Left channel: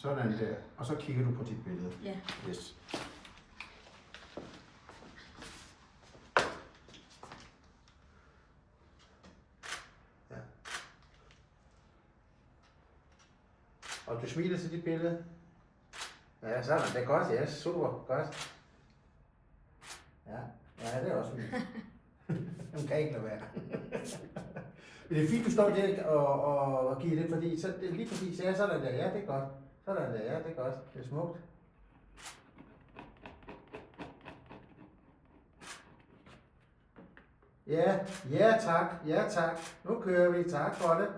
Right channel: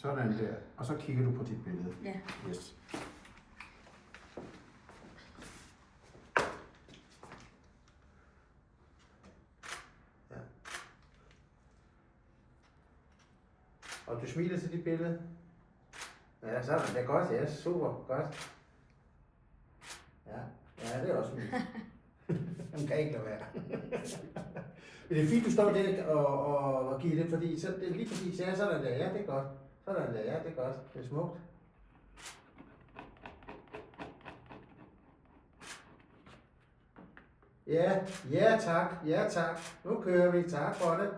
Sådan der. Og så kigger du på dit billede. Ja. Yes. Ja. Og du smiler til dit billede? Ja, så det er godt. Ja, super. Godt. Ja, det er også fint. Hun kan ikke lade være. Men det er fint, du står der og giver det, fordi så, lige præcis, ja, sådan der, ja, det er godt. Sådan der, ja, det er godt. Det er smukt. Ja, ja tak, nu kører vi, tak for det.